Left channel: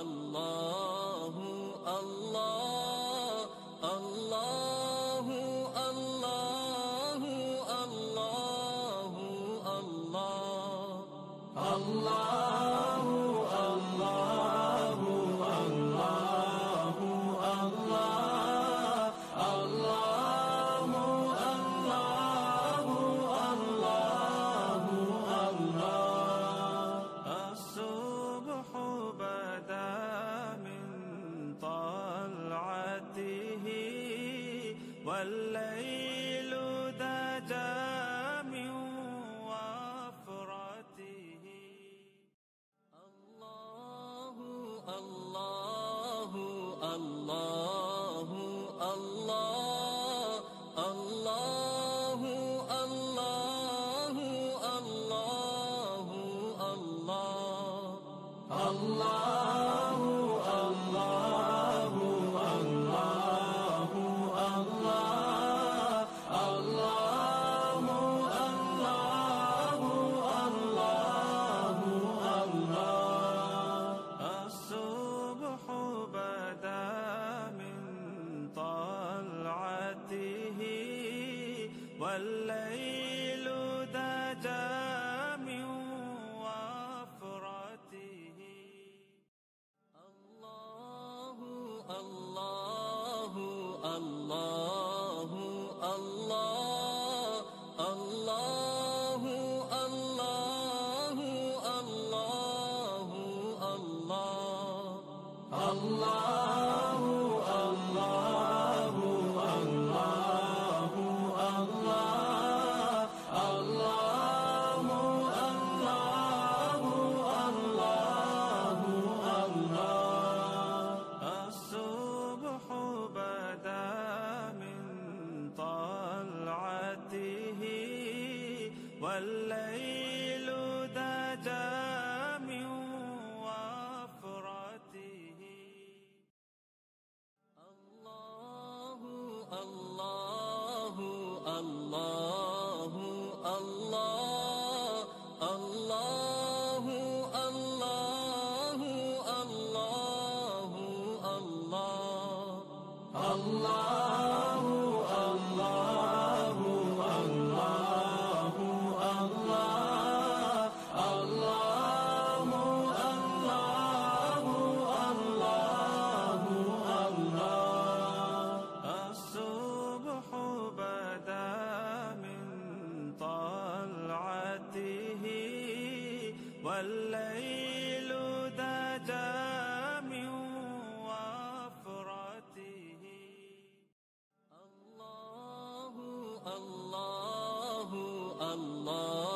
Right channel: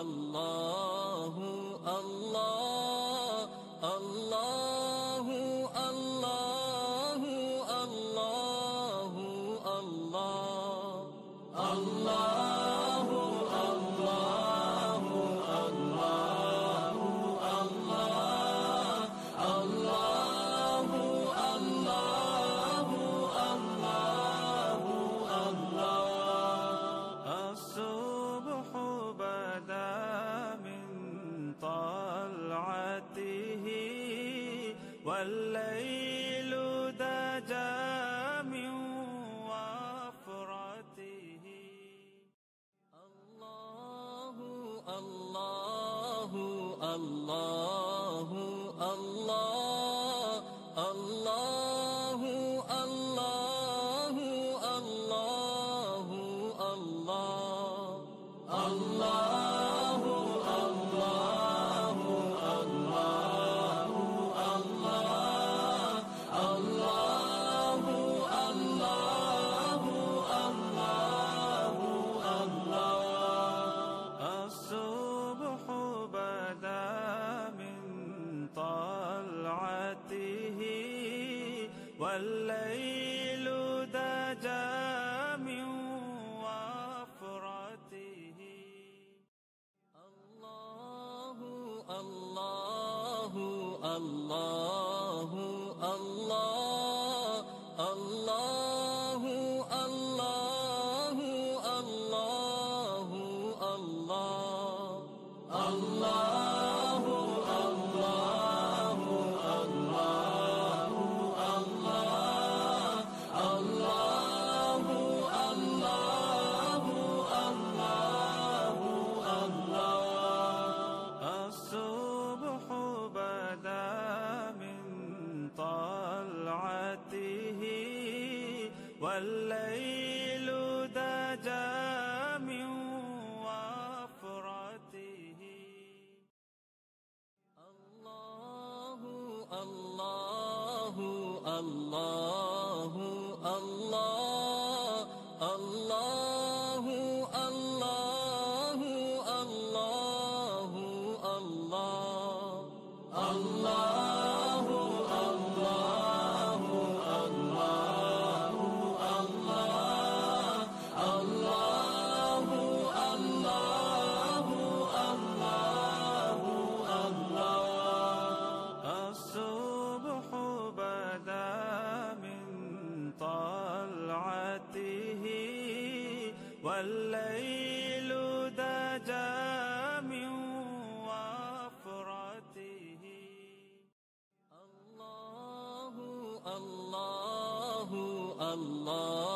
الله الله الله الله الله الله الله الله الله الله الله الصبح بدا من طلعته والليل دجى من وفرته الله الله الله الله الله الله الله الله الله الله الله الله الله الصبح بدا من طلعته والليل دجى من وفرته الله الله الله الله الله الله الله الله الله الله الصبح بدا من طلعته والليل دجى من وفرته الله الله الله الله الله الله الله الله الله الله الله الله الصبح بدا من طلعته والليل دجى من وفرته الله الله الله